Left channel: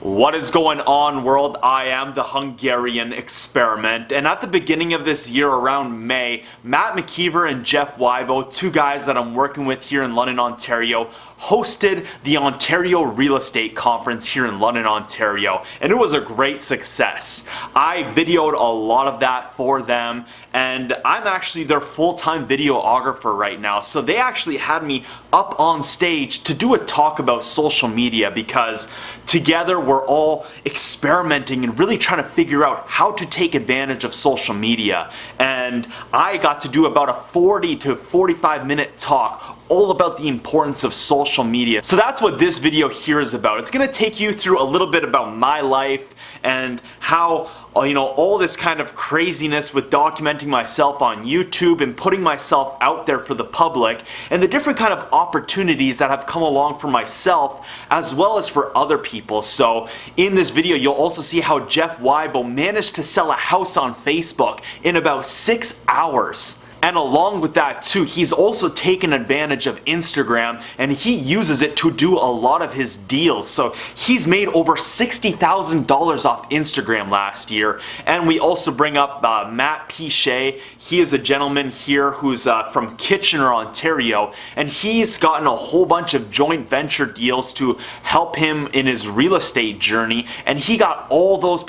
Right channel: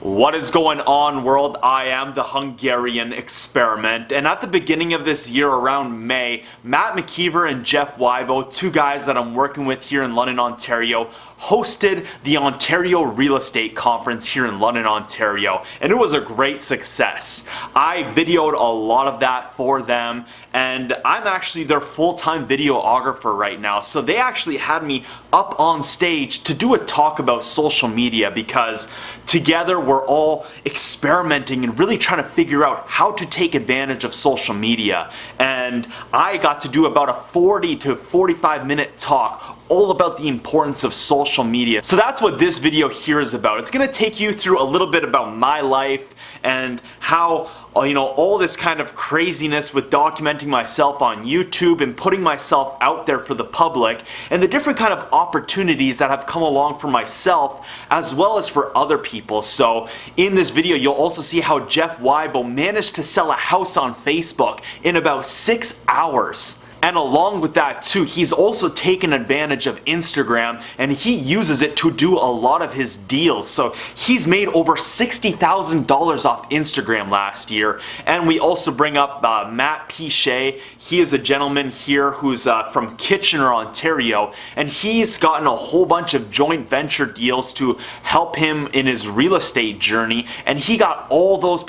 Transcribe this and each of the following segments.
What is going on, world? I am the Hungarian experiment, and at the beginning of this year, around May, Matt McKeever and Jeff Wybo, two guys that I'm working with here in London, Ontario, hosted the Ontario Real Estate Conference here in London, Ontario, and it was a great success. I videoed a lot of that for them, and I'm actually their full-time videographer right now, so they actually had me up on stage to do a talk about social media because together we're all experimenting and really trying to figure out how to take advantage of social media. And I got to do about a 40 to 45 minute talk all about the importance of social media. So that's what this video here is about. It's gonna take you through a little bit about my life and how all this kind of craziness with documenting myself on YouTube and putting myself out there for the public, and the different kind of opportunities that have come along for myself as well as for other people. So in this video you'll also see how Jeff Wybo managed to sell a house on Facebook in about 6 hours. And along with that too, he's also taken advantage of Instagram and he uses it to do a lot of his deals. So he's made over $60,000 off Instagram last year. And we also bring up Matt Pichet. He is a gentleman here who's from Kitchener, Ontario, and he's gotten a whole bunch of joint venture deals to help him in his real estate journey. And he got all these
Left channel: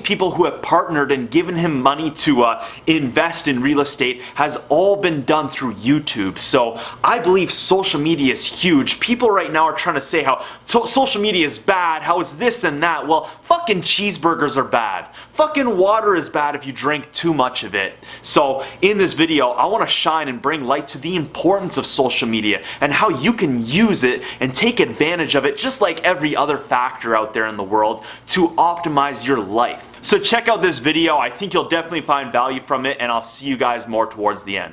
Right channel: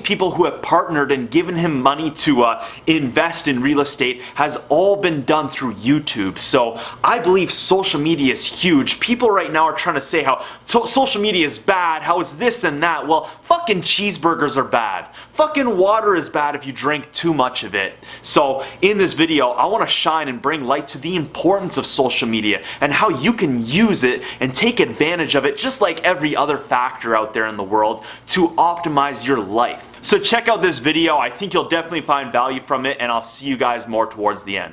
people who have partnered and given him money to invest in real estate has all been done through YouTube. So I believe social media is huge. People right now are trying to say how social media is bad, how is this and that. Well, fucking cheeseburgers are bad. Fucking water is bad if you drink too much of it. So in this video, I want to shine and bring light to the importance of social media and how you can use it and take advantage of it just like every other factor out there in the world to optimize your life. So check out this video. I think you'll definitely find value from it, and I'll see you guys more towards the end.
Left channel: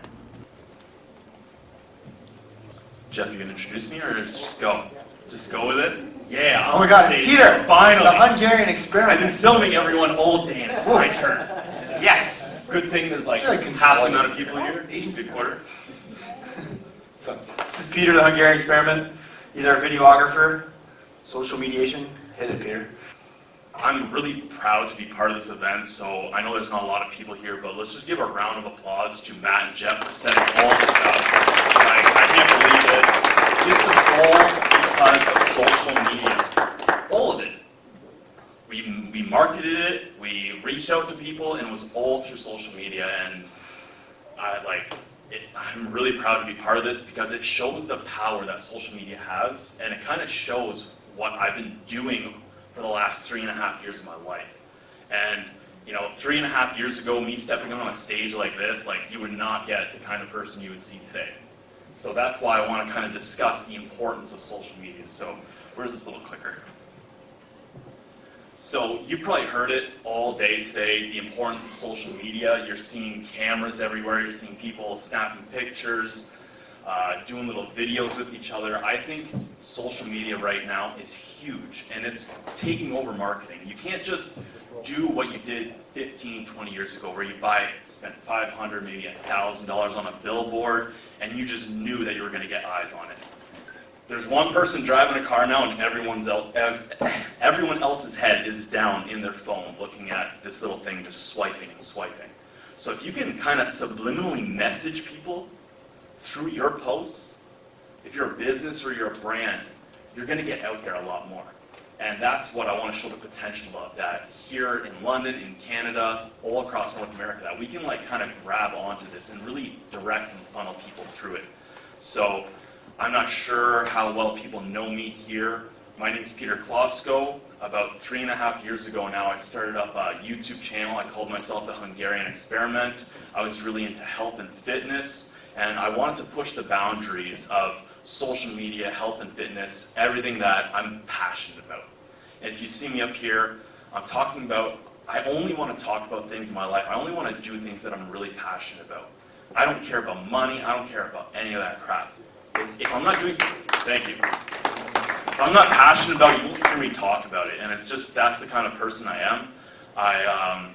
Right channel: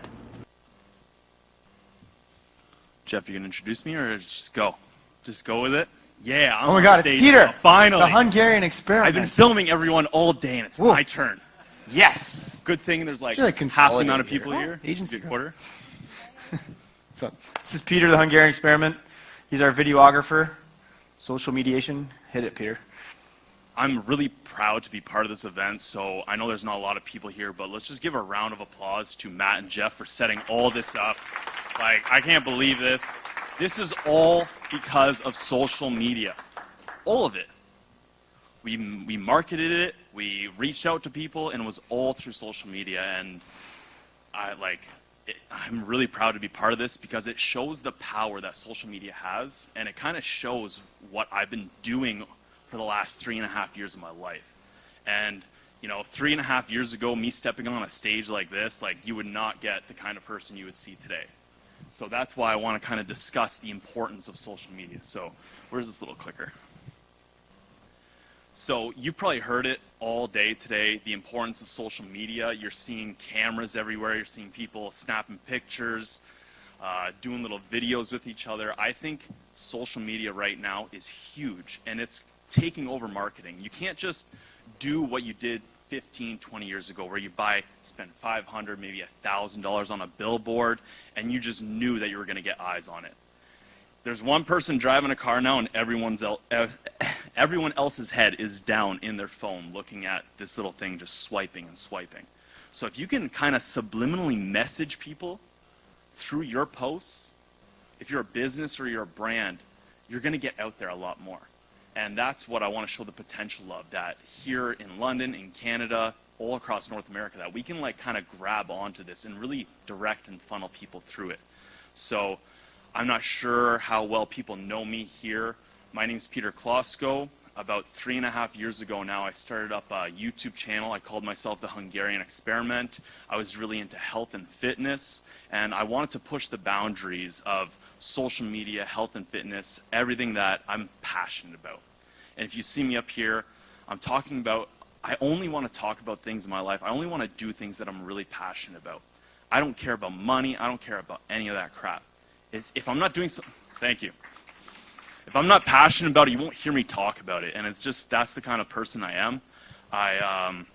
Jeff, you gonna introduce me or just go? Just go with it? Yeah. Oh my God, Peter! Finally. The Hungarian experiment. I've been filming everyone all day, and it's my turn. Yes! Good thing there's like half the amount of people here. Agency reporter. So, this is Peter, the Hungarian experiment. He's our videographer. Social mediation. Hit it, Peter. I'm really proud to be part of this event, so I know there's not a lot of people here, but let's just give a round of applause to Matt and Jeff for setting all this up. I can't believe this. This is all because of social media. All of it. We marketed it, we reached out to people, and it was all through social media, and I'm really proud to be part of this because it shows the power that social media has, and it kind of shows what I've been doing for the last 3.5 years of my life. And 3.5 years ago, me stepping on a stage like this, you would not get the kind of person you would see today. So that's why I want to kind of discuss the importance of social media. So where's this little clicker? So you probably heard it all day today, the importance of social media. You're seeing cameras everywhere, you're seeing people snapping pictures, doing little videos with each other. I think social media right now is huge, and it's taking over marketing. You can't just do what you did 15, 20 years ago, where you spent $500, maybe $1,000 on a billboard, and you just knew that you were going to get eyes on it. There's one person driving a car now, and everyone else's head is down in their phone looking at this little thing, just swiping and swiping. So if you can kind of subliminally message people through your posts, if you're a business or you're a brand, you're going to get out there a lot more. And that's what I want to show the potential of, that here in London, in Canada, all across North America, that we can kind of grab onto this and really direct and funnel people through it. So I'm not sure how well people know me here. My name is Peter Klosko. About 3.5 years ago now, I started up a YouTube channel. I called myself the Hungarian Experiment. I was really into health and fitness, and I wanted to push the boundaries of social media, health and fitness, everything that I'm passionate about. And if you see me up here, I only want to talk about things in my life. I only want to do things that I'm really passionate about. I don't care about money. I don't care about any of that crap. If I'm not doing something, thank you. If I'm not passionate about it, you won't hear me talk about it. And that's the kind of person I am.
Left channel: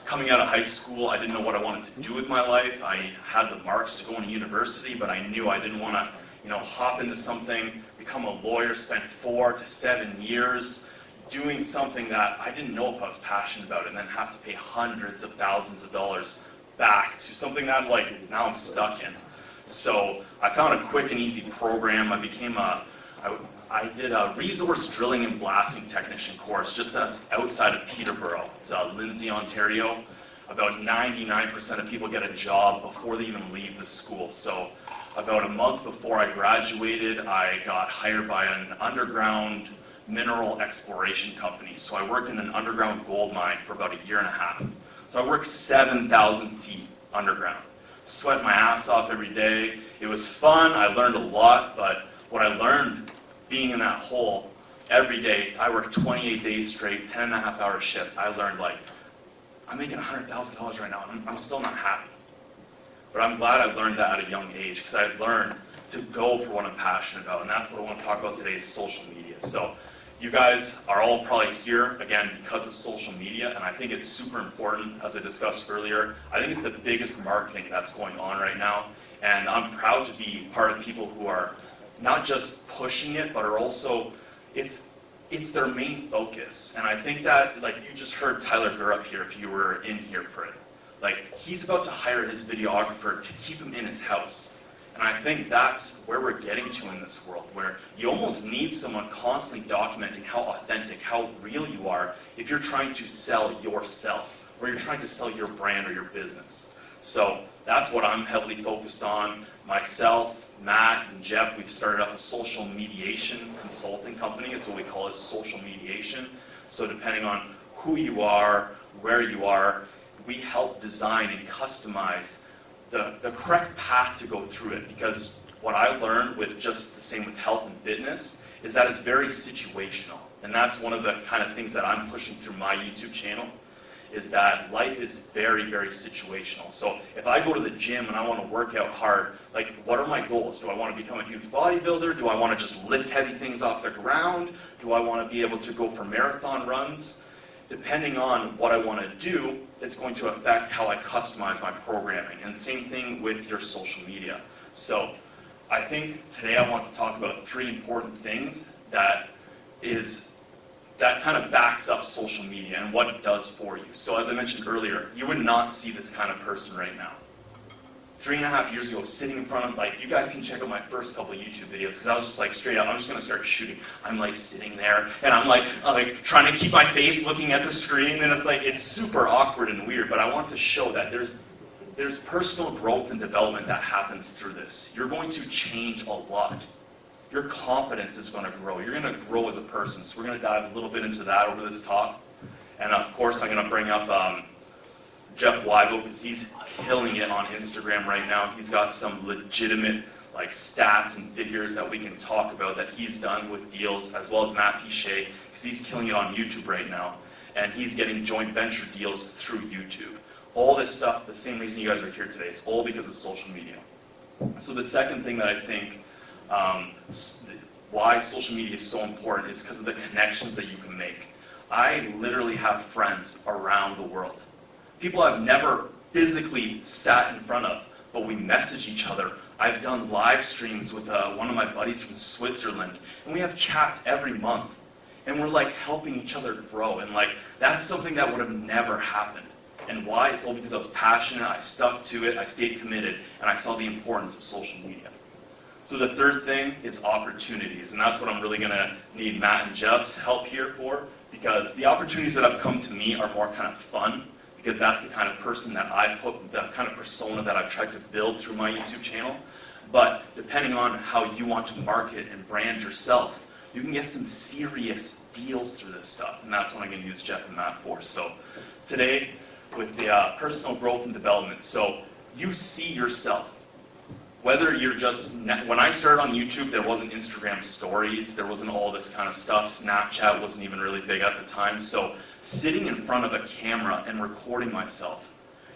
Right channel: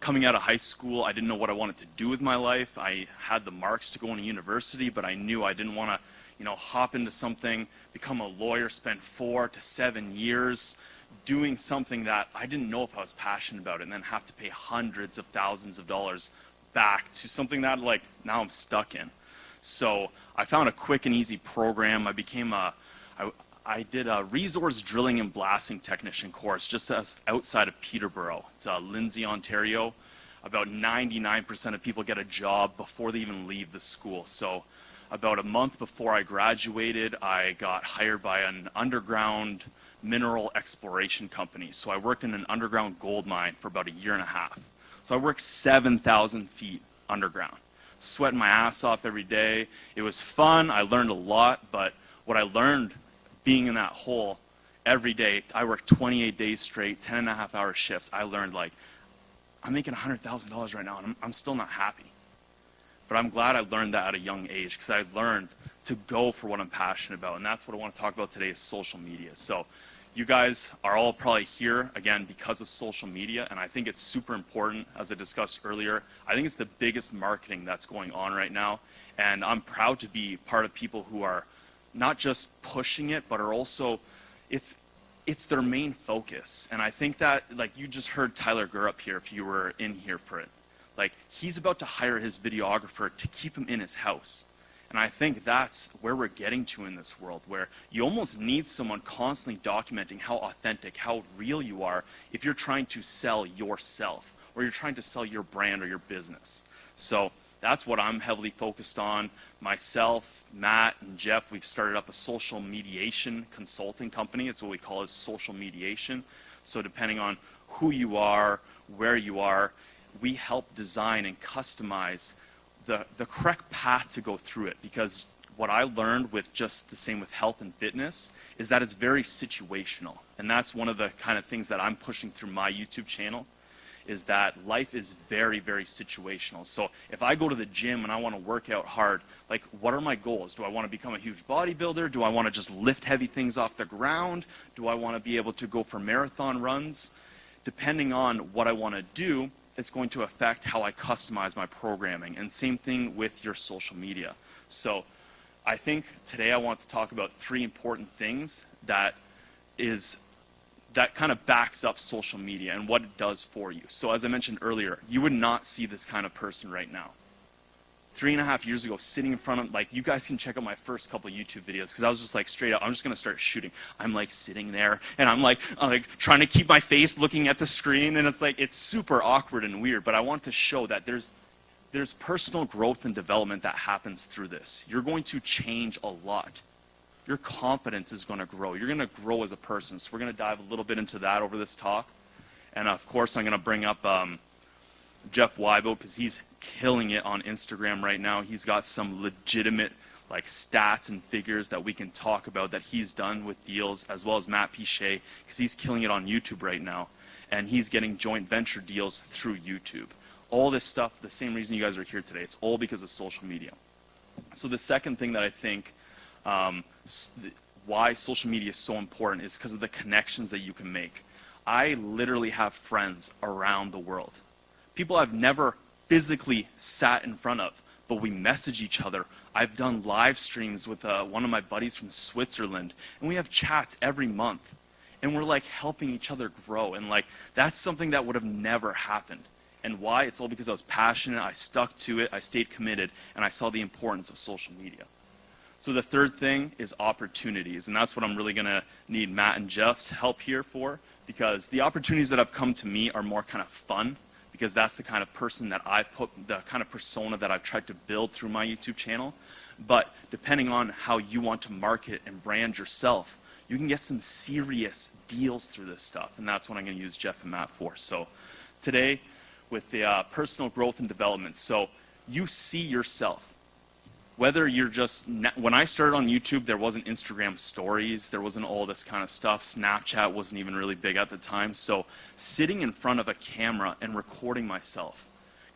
Coming out of high school, I didn't know what I wanted to do with my life. I had the marks to go to university, but I knew I didn't want to, hop into something, become a lawyer, spent 4 to 7 years doing something that I didn't know if I was passionate about, and then have to pay hundreds of thousands of dollars back to something that I'm like, now I'm stuck in. So I found a quick and easy program. I did a resource drilling and blasting technician course just outside of Peterborough. It's Lindsay, Ontario. About 99% of people get a job before they even leave the school. So about a month before I graduated, I got hired by an underground mineral exploration company. So I worked in an underground gold mine for about 1.5 years. So I worked 7,000 feet underground. Sweating my ass off every day. It was fun, I learned a lot, but what I learned being in that hole every day, I worked 28 days straight, 10.5-hour shifts. I learned, like, I'm making $100,000 right now. I'm still not happy. But I'm glad I learned that at a young age, because I learned to go for what I'm passionate about, and that's what I want to talk about today, is social media. So you guys are all probably here, again, because of social media, and I think it's super important, as I discussed earlier. I think it's the biggest marketing that's going on right now, and I'm proud to be part of people who are not just pushing it, but are also, it's their main focus. And I think that, like, you just heard Tyler Gurr up here, if you were in here for it. Like, he's about to hire his videographer to keep him in his house. And I think that's where we're getting to in this world, where you almost need someone constantly documenting how authentic, how real you are if you're trying to sell yourself, or you're trying to sell your brand or your business. So that's what I'm heavily focused on. Myself, Matt, and Jeff, we've started up a social mediation consulting company. It's what we call a social mediation. So depending on who you are, where you are, we help design and customize the correct path to go through it. Because what I've learned with just the same with health and fitness is that it's very situational. And that's one of the kind of things that I'm pushing through my YouTube channel, is that life is very, very situational. So if I go to the gym and I want to work out hard, like, what are my goals? Do I want to become a huge bodybuilder? Do I want to just lift heavy things off the ground? Do I want to be able to go for marathon runs? Depending on what I want to do, it's going to affect how I customize my programming. And the same thing with your social media. So I think today I want to talk about 3 important things that kind of backs up social media and what it does for you. So as I mentioned earlier, you would not see this kind of person right now. 3.5 years ago, sitting in front of, like, you guys can check out my first couple of YouTube videos, because I was just like, straight up, I'm just going to start shooting. I'm like sitting there, and I'm like trying to keep my face looking at the screen, and it's like, it's super awkward and weird, but I want to show that there's personal growth and development that happens through this. You're going to change a lot. Your confidence is going to grow. You're going to grow as a person. So we're going to dive a little bit into that over this talk. And of course, I'm going to bring up Jeff Wybo, because he's killing it on Instagram right now. He's got some legitimate, like, stats and figures that we can talk about that he's done with deals, as well as Matt Pichet, because he's killing it on YouTube right now. And he's getting joint venture deals through YouTube. All this stuff, the same reason you guys are here today, it's all because of social media. So the second thing that I think why social media is so important is because of the connections that you can make. I literally have friends around the world. People I've never physically sat in front of, but we message each other. I've done live streams with one of my buddies from Switzerland, and we have chats every month. And we're, like, helping each other grow. And, like, that's something that would have never happened. And why? It's all because I was passionate, I stuck to it, I stayed committed, and I saw the importance of social media. So the third thing is opportunities, and that's what I'm really going to need Matt and Jeff's help here for, because the opportunities that have come to me are more kind of fun, because that's the kind of person that the kind of persona that I've tried to build through my YouTube channel. But depending on how you want to market and brand yourself, you can get some serious deals through this stuff, and that's what I'm going to use Jeff and Matt for. So today, with the personal growth and development, so you see yourself. Whether you're just, when I started on YouTube, there wasn't Instagram stories, there wasn't all this kind of stuff. Snapchat wasn't even really big at the time. So sitting in front of a camera and recording myself,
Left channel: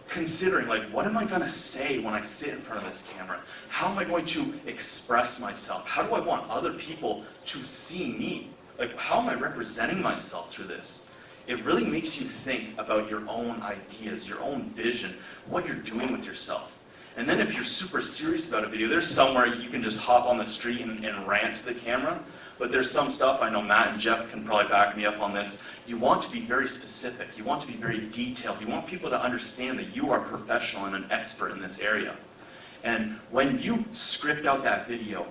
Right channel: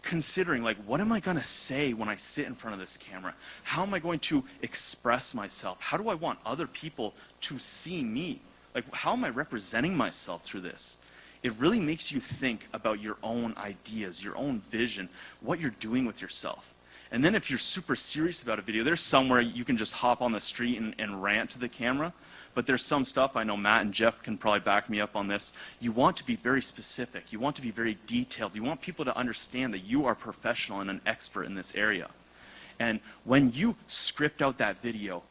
considering, like, what am I going to say when I sit in front of this camera? How am I going to express myself? How do I want other people to see me? Like, how am I representing myself through this? It really makes you think about your own ideas, your own vision, what you're doing with yourself. And then if you're super serious about a video, there's somewhere you can just hop on the street and rant to the camera. But there's some stuff, I know Matt and Jeff can probably back me up on this, you want to be very specific, you want to be very detailed, you want people to understand that you are a professional and an expert in this area. And when you script out that video,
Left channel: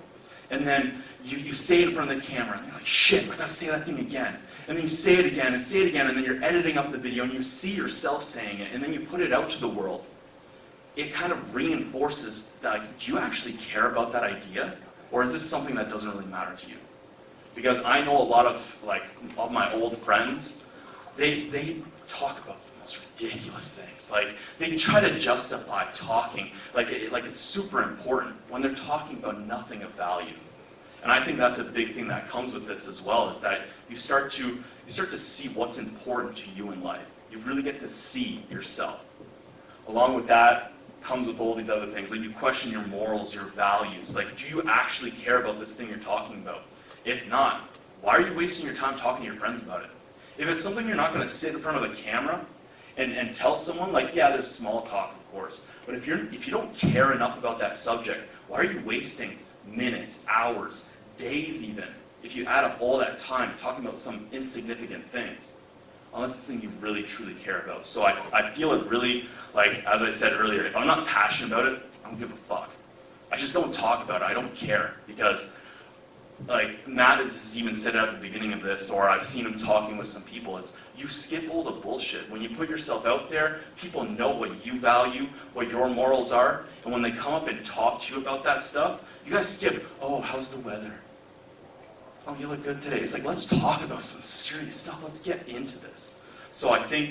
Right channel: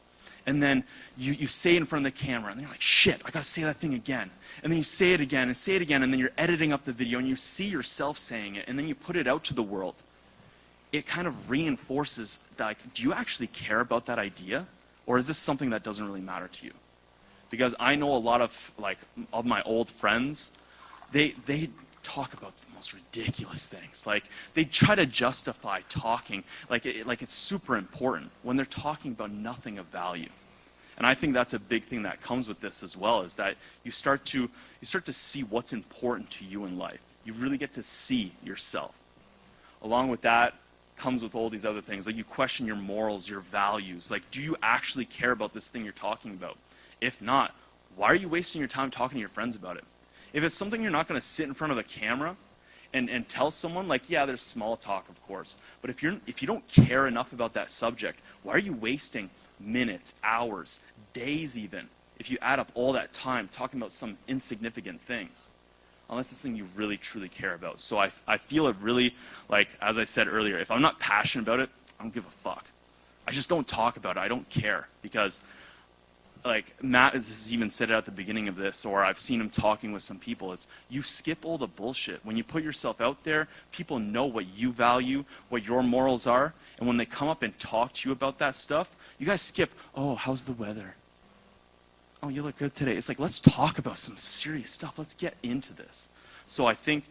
and then you say it in front of the camera, and you're like, shit, I gotta say that thing again. And then you say it again, and then you're editing up the video, and you see yourself saying it, and then you put it out to the world. It kind of reinforces that, do you actually care about that idea? Or is this something that doesn't really matter to you? Because I know a lot of, all my old friends, they talk about the most ridiculous things. Like, they try to justify talking like it's super important when they're talking about nothing of value. And I think that's a big thing that comes with this as well, is that you start to see what's important to you in life. You really get to see yourself. Along with that comes with all these other things. Like, you question your morals, your values. Like, do you actually care about this thing you're talking about? If not, why are you wasting your time talking to your friends about it? If it's something you're not going to sit in front of a camera and tell someone, like, yeah, there's small talk, of course, but if you don't care enough about that subject, why are you wasting minutes, hours, days even, if you add up all that time talking about some insignificant things? Unless it's something you really, truly care about. So I feel it really, like, as I said earlier, if I'm not passionate about it, I don't give a fuck. I just don't talk about it. I don't care. Because, like, Matt has even said it at the beginning of this, or I've seen him talking with some people, is you skip all the bullshit. When you put yourself out there, people know what you value, what your morals are, and when they come up and talk to you about that stuff, you guys skip, oh, how's the weather? Oh, you look good today. It's like, let's talk about some serious stuff. Let's get into this. So I think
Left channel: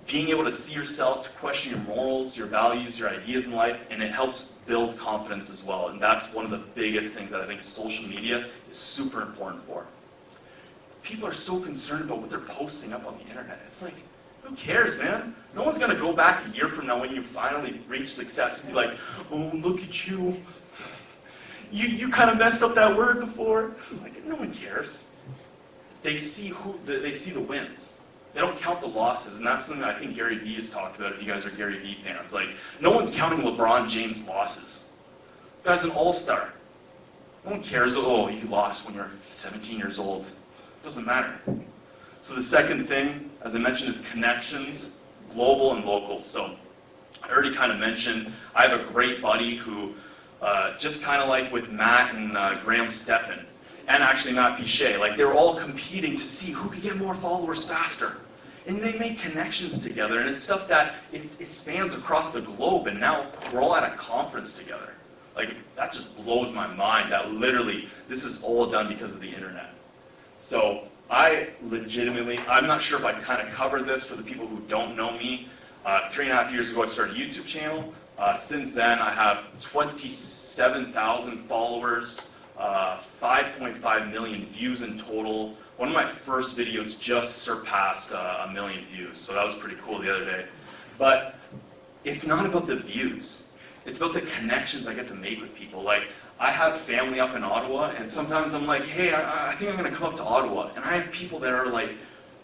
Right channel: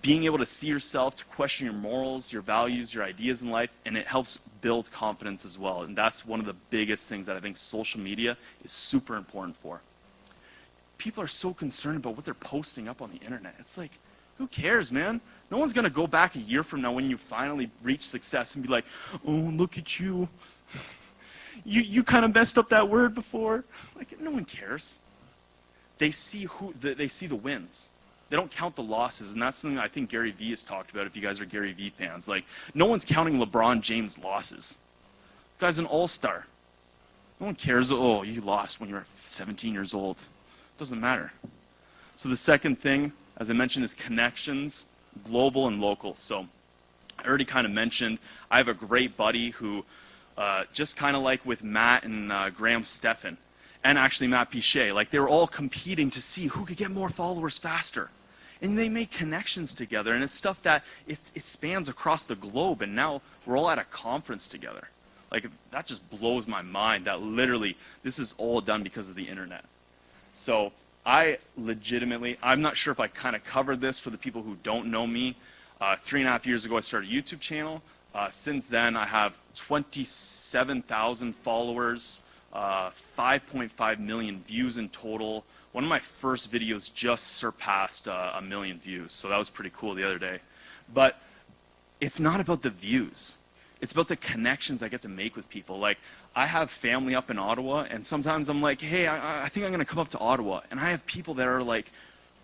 being able to see yourself, to question your morals, your values, your ideas in life, and it helps build confidence as well. And that's one of the biggest things that I think social media is super important for. People are so concerned about what they're posting up on the internet. It's like, who cares, man? No one's going to go back a year from now when you finally reach success and be like, oh, look at you. You kind of messed up that word before. Like, no one cares. They see the wins. They don't count the losses, and that's something that I think Gary Vee has talked about. If you guys are Gary Vee fans, like, no one's counting LeBron James' losses. The guy's an all-star. No one cares. Oh, you lost when you're 17 years old. It doesn't matter. So the second thing, as I mentioned, is connections, global and local. So I already kind of mentioned I have a great buddy who. Just kind of like with Matt and Graham Stephan, and actually Matt Pichet, like, they were all competing to see who could get more followers faster. And they made connections together, and it's stuff that it spans across the globe, and now we're all at a conference together. Like, that just blows my mind that literally this is all done because of the internet. So I'm not sure if I kind of covered this for the people who don't know me. 3.5 years ago I started a YouTube channel. Since then, I have 27,000 followers, 5.5 million views in total. One of my first videos just surpassed 1 million views, so that was pretty cool the other day. But it's not about the views. It's about the connections I get to make with people. Like, I have family up in Ottawa, and sometimes I'm like, hey, I think I'm going to come up to Ottawa. And I have people that are like,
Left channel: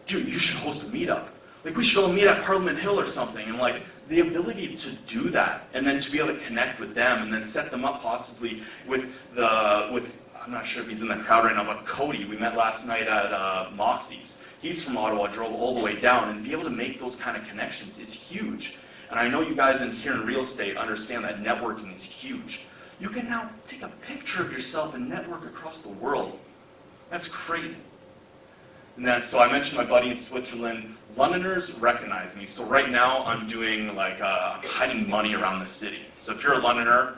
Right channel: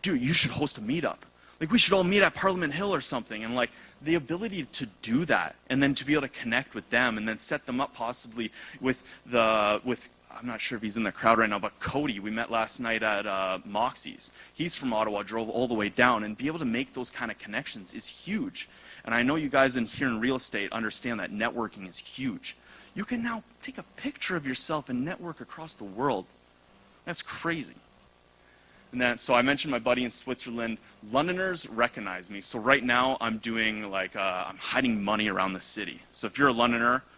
dude, you should host a meetup. Like, we should all meet at Parliament Hill or something. And, like, the ability to do that, and then to be able to connect with them, and then set them up possibly with I'm not sure if he's in the crowd right now, but Cody, we met last night at Moxie's. He's from Ottawa, drove all the way down, and be able to make those kind of connections is huge. And I know you guys here in real estate understand that networking is huge. You can now take a picture of yourself and network across the world. That's crazy. And then, so I mentioned my buddy in Switzerland. Londoners recognize me. So right now I'm doing hiding money around the city. So if you're a Londoner,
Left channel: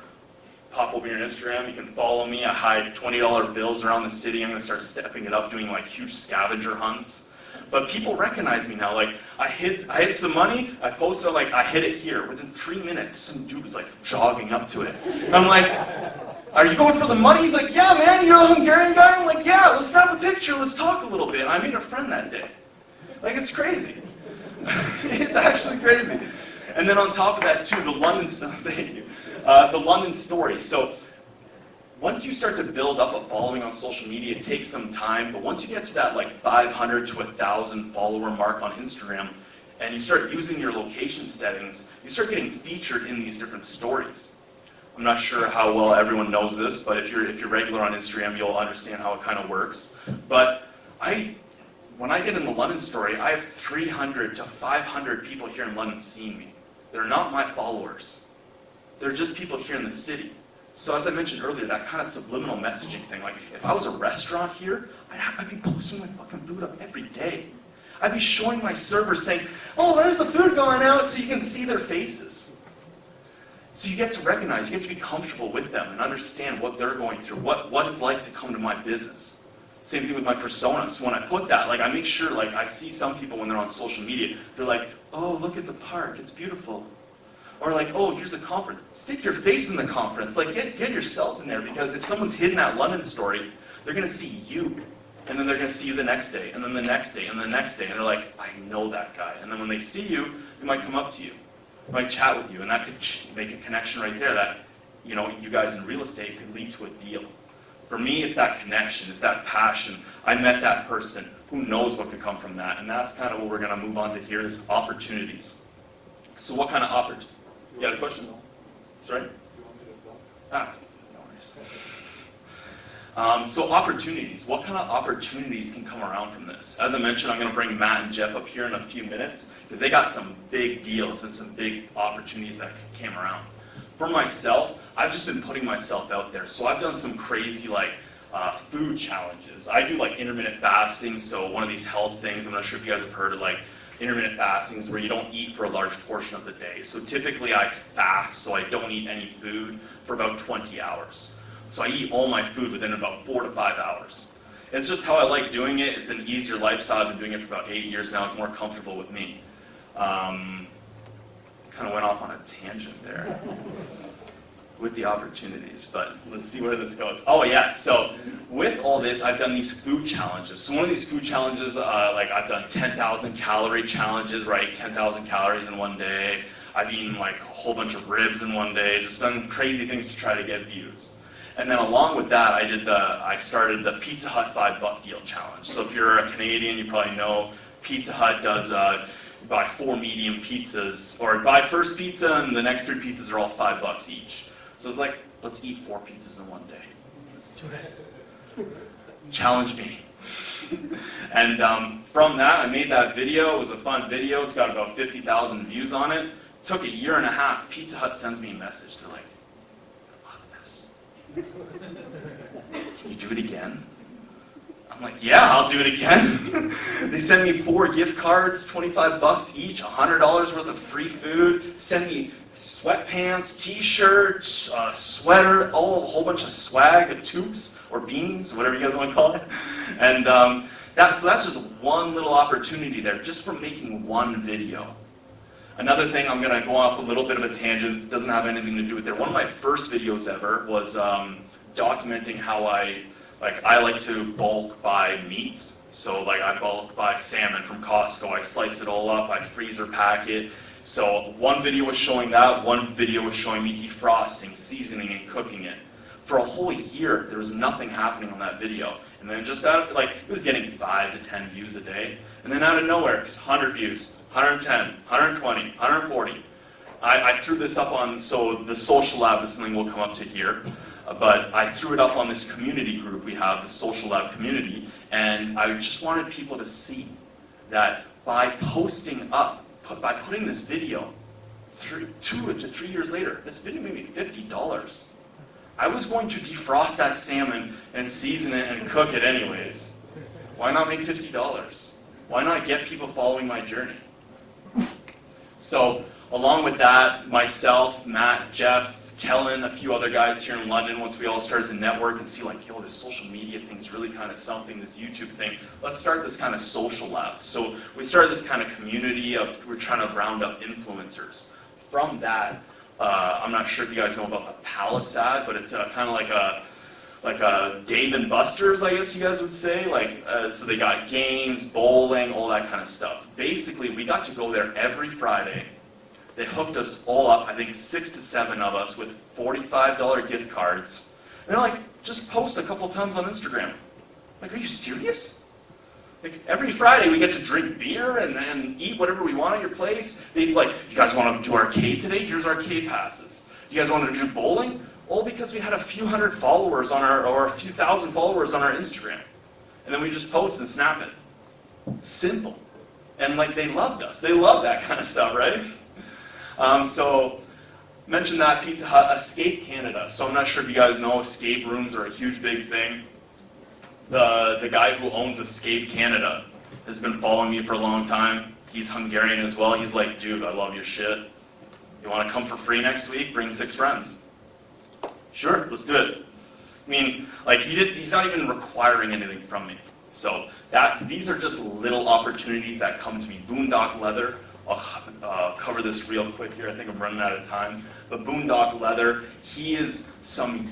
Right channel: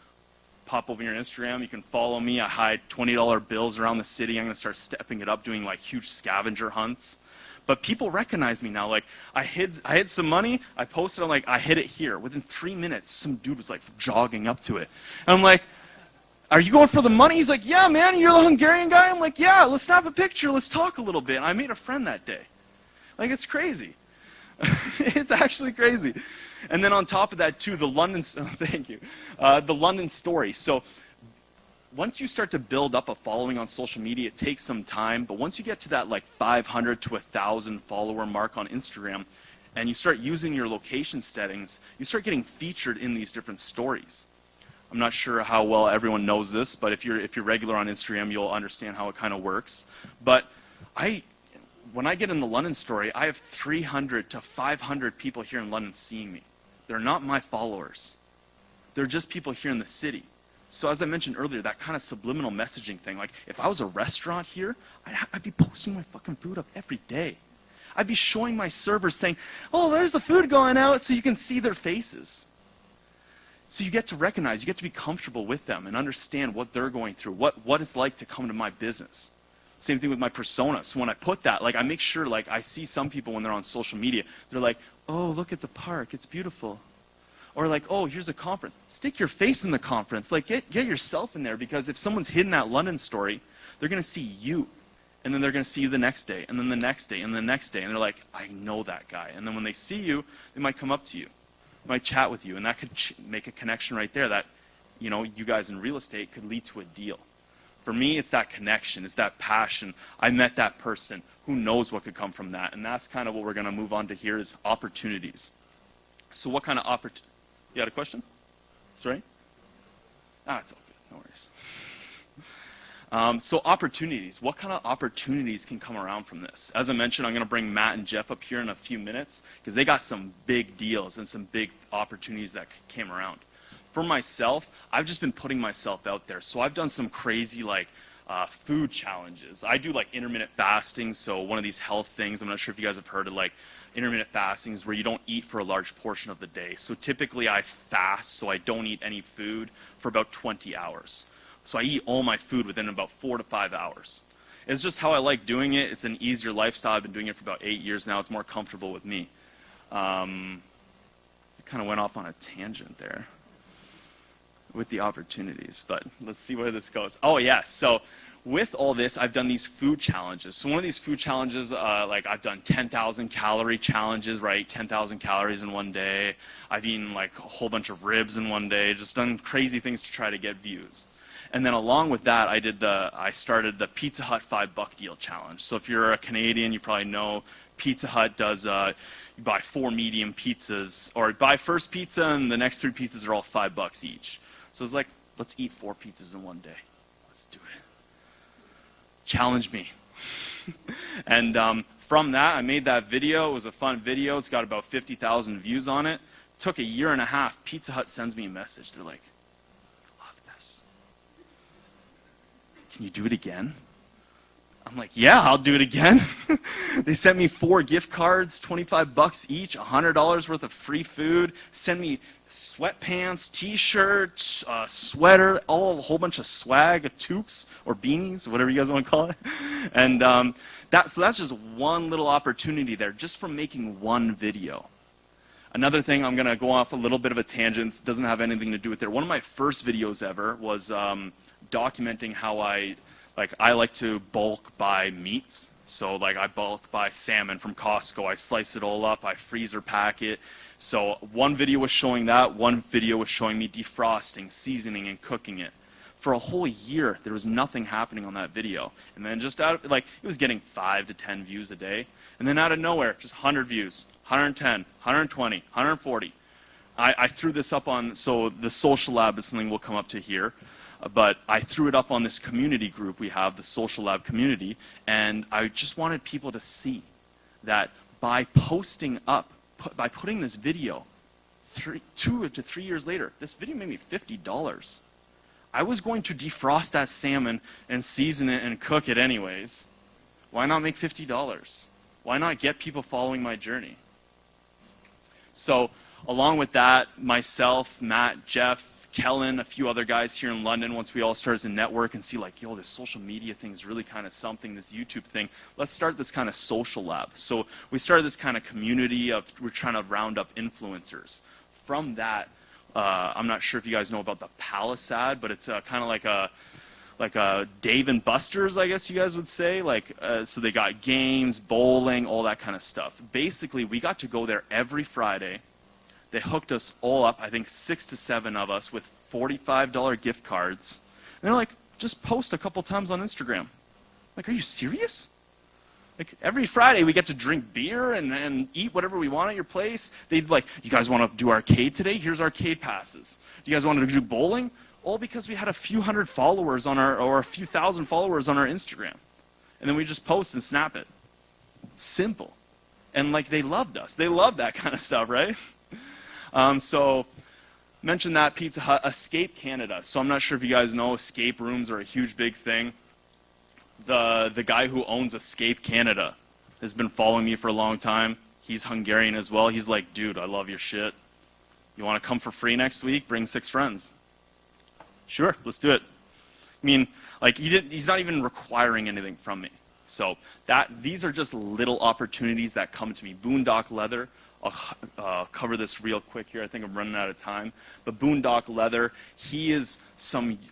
pop over your Instagram, you can follow me. I hide $20 bills around the city. I'm going to start stepping it up, doing like huge scavenger hunts. But people recognize me now. Like, I hid some money, I posted, like, I hid it here. Within 3 minutes, some dude was like jogging up to it. And I'm like, are you going for the money? He's like, yeah, man, you're a Hungarian guy? I'm like, yeah, let's have a picture, let's talk a little bit. I made a friend that day. Like, it's crazy. It's actually crazy. And then on top of that, too, the London story. So once you start to build up a following on social media, it takes some time. But once you get to that like 500 to 1,000 follower mark on Instagram, and you start using your location settings, you start getting featured in these different stories. I'm not sure how well everyone knows this, but if you're regular on Instagram, you'll understand how it kind of works. But when I get in the London story, I have 300 to 500 people here in London seeing me. They're not my followers. They're just people here in the city. So as I mentioned earlier, that kind of subliminal messaging thing, like if I was a restaurant here, I'd be posting my fucking food up every day. I'd be showing my servers saying, oh, there's the food going out, so you can see their faces. So you get to recognize, you get to be comfortable with them and understand what they're going through, what it's like to come into my business. Same thing with my persona. So when I put that, like I make sure, like I see some people when they're on social media, they're like, oh, look at the park, it's beautiful. Or like, oh, here's a conference. Stick your face in the conference. Like get yourself in there, because if someone's hidden that London story, they're gonna see you. And then they're gonna see you the next day, and then the next day, and then the next day, and they're like, I know that guy. And then when they see you, they might come up to you. Might chat with you, and that could make a connection right there that, you know, you guys in real estate could lead to a deal. For me, it's that connection, it's that passion. I met that person. Who knows what could come from that? And that's kind of what we're going to move on to here is opportunities. So what kind of opportunities? You had a question? Sorry? That's okay. No worries. So opportunities. What kind of opportunities can come around from this? As I mentioned, I'm going to bring Matt and Jeff up here in a few minutes, because they got some big deals and some big opportunities that came around. For myself, I've just been putting myself out there. So I've done some crazy food challenges. I do like intermittent fasting, so one of these health things, I'm not sure if you guys have heard, like intermittent fasting is where you don't eat for a large portion of the day. So typically I fast, so I don't eat any food for about 20 hours. So I eat all my food within about 4 to 5 hours. It's just how I like doing it. It's an easier lifestyle. I've been doing it for about 8 years now. It's more comfortable with me. Kind of went off on a tangent there with the opportunities, but let's see where this goes. Oh yeah, so with all this, I've done these food challenges. So one of these food challenges, I've done 10,000 calorie challenges, right? 10,000 calories in one day. I've eaten like a whole bunch of ribs in one day. Just done crazy things to try to get views. And then along with that, I started the Pizza Hut $5 deal challenge. So if you're a Canadian, you probably know Pizza Hut does buy 4 medium pizzas, or buy first pizza and the next 3 pizzas are all $5 each. So it's like, let's eat 4 pizzas in one day. Let's do it. Challenge me. And from that, I made that video. It was a fun video. It's got about 50,000 views on it. Took a year and a half. Pizza Hut sends me a message. They're like, I love this. Can you do it again? I'm like, yeah, I'll do it again. They sent me 4 gift cards, $25 each, $100 worth of free food. Sent me sweatpants, t-shirts, sweater, a whole bunch of swag, toques or beanies, whatever you guys want to call it. And that's just one little opportunity there, just from making one video. Another thing, I'm going to go off a little bit of a tangent. It doesn't have anything to do with it. One of my first videos ever was documenting how I like to bulk buy meats. So I bulk buy salmon from Costco. I slice it all up. I freezer pack it. So one video was showing that. One video was showing me defrosting, seasoning, and cooking it. For a whole year, there was nothing happening on that video. And then just it was getting 5 to 10 views a day. And then out of nowhere, just 100 views, 110, 120, 140. I threw this up on, so the Social Lab is something we'll come up to here. But I threw it up on this community group we have, the Social Lab community, and I just wanted people to see that by putting this video, 2 to 3 years later, this video made me $50. I was going to defrost that salmon and season it and cook it anyways. Why not make $50? Why not get people following my journey? So, along with that, myself, Matt, Jeff, Kellen, a few other guys here in London, once we all started to network and see this social media thing is really kind of something, this YouTube thing, let's start this kind of social lab. So we started this kind of community we're trying to round up influencers. From that, I'm not sure if you guys know about the Palisade, but it's kind of like a Dave and Buster's, I guess you guys would say. So they got games, bowling, all that kind of stuff. Basically, we got to go there every Friday. They hooked us all up, I think 6 to 7 of us, with $45 gift cards. And they're like, just post a couple times on Instagram. Like, are you serious? Like every Friday we get to drink beer and eat whatever we want at your place. They'd be like, you guys want to do arcade today? Here's arcade passes. You guys want to do bowling? All because we had a few hundred followers on or a few thousand followers on our Instagram. And then we just post and snap it. Simple. And like they loved us. They love that kind of stuff, right? So mentioned that Pizza Hut, Escape Canada. So I'm not sure if you guys know, escape rooms are a huge big thing. The guy who owns Escape Canada has been following me for a long time. He's Hungarian as well. He's like, dude, I love your shit. You want to come for free next week? Bring 6 friends. Sure, let's do it. I mean, like he's not even requiring anything from me. So these are just little opportunities that come to me. Boondock Leather. I'll cover this real quick here. I think I'm running out of time. But Boondock Leather, he is some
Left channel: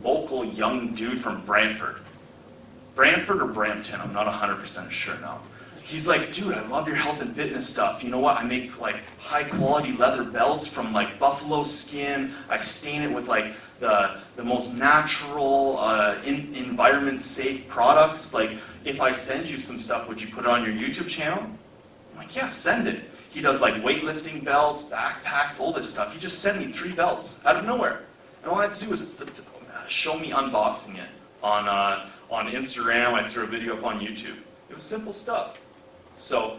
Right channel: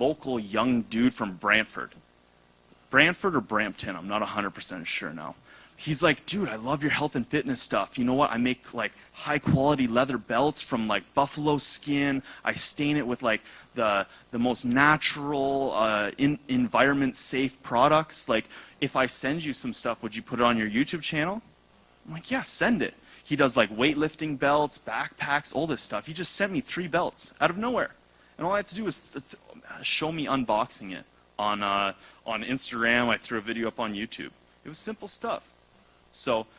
local young dude from Brantford. Brantford or Brampton? I'm not 100% sure now. He's like, dude, I love your health and fitness stuff. You know what? I make like high quality leather belts from like buffalo skin. I stain it with like the most natural, environment safe products. Like, if I send you some stuff, would you put it on your YouTube channel? I'm like, yeah, send it. He does like weightlifting belts, backpacks, all this stuff. He just sent me 3 belts out of nowhere. And all I had to do was show me unboxing it on Instagram. I threw a video up on YouTube. It was simple stuff. So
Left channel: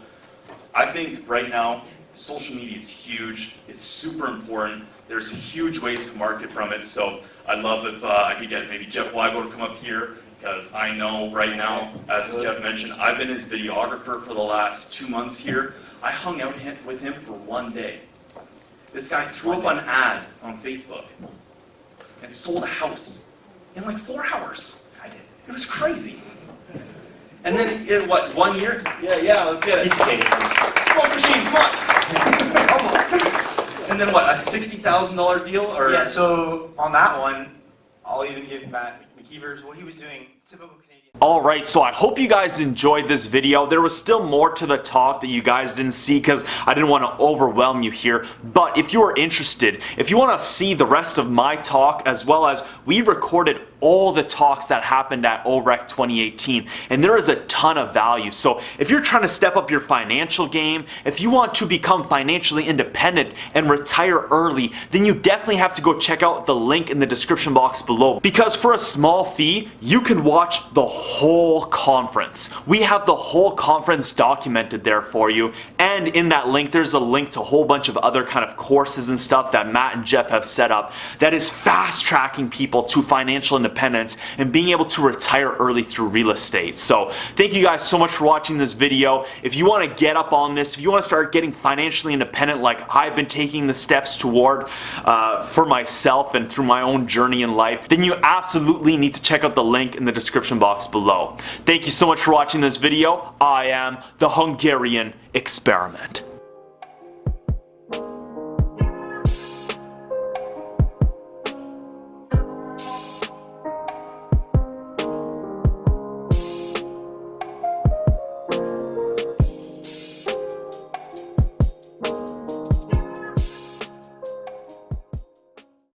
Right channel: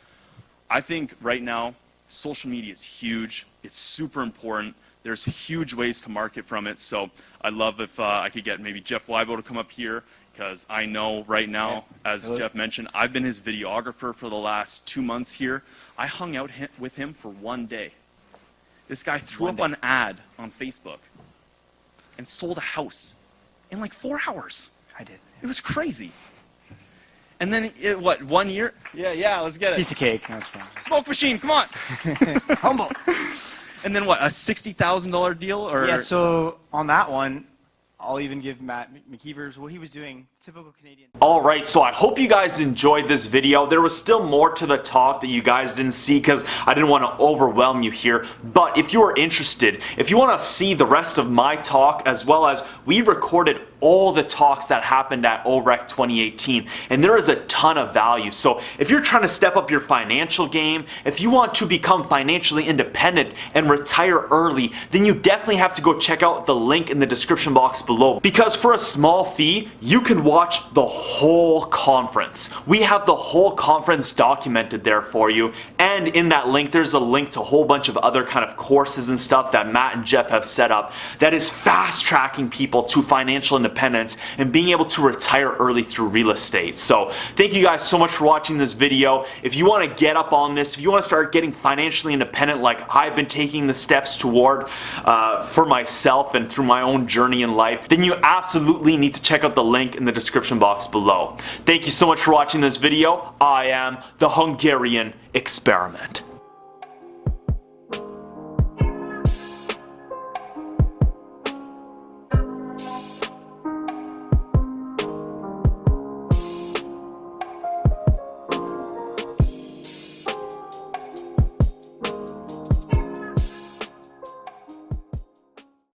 I think right now, social media is huge. It's super important. There's huge ways to market from it. So I'd love if I could get maybe Jeff Weibo to come up here, because I know right now, as Jeff mentioned, I've been his videographer for the last 2 months here. I hung out with him for 1 day. This guy threw up an ad on Facebook and sold a house in like 4 hours. It was crazy. And then in what, 1 year? Yeah, let's get it. Piece of cake. Smoke machine, come on. And then what, a $60,000 deal? Or Yeah, so on that one, I'll even give Matt McKeever's what he was doing. Typical Canadian. Alright, so I hope you guys enjoyed this video. There was still more to the talk that you guys didn't see because I didn't want to overwhelm you here. But if you are interested, if you want to see the rest of my talk, as well as we recorded all the talks that happened at OREC 2018, and there is a ton of value. So if you're trying to step up your financial game, if you want to become financially independent and retire early, then you definitely have to go check out the link in the description box below. Because for a small fee, you can watch the whole conference. We have the whole conference documented there for you, and in that link there's a link to a whole bunch of other kind of courses and stuff that Matt and Jeff have set up that is fast tracking people to financial independence and being able to retire early through real estate. So thank you guys so much for watching this video. If you want to get up on this, if you want to start getting financially independent like I've been taking the steps toward for myself and through my own journey in life, then you absolutely need to check out the link in the description box below. Thank you so much for watching this video. I am the Hungarian Experiment.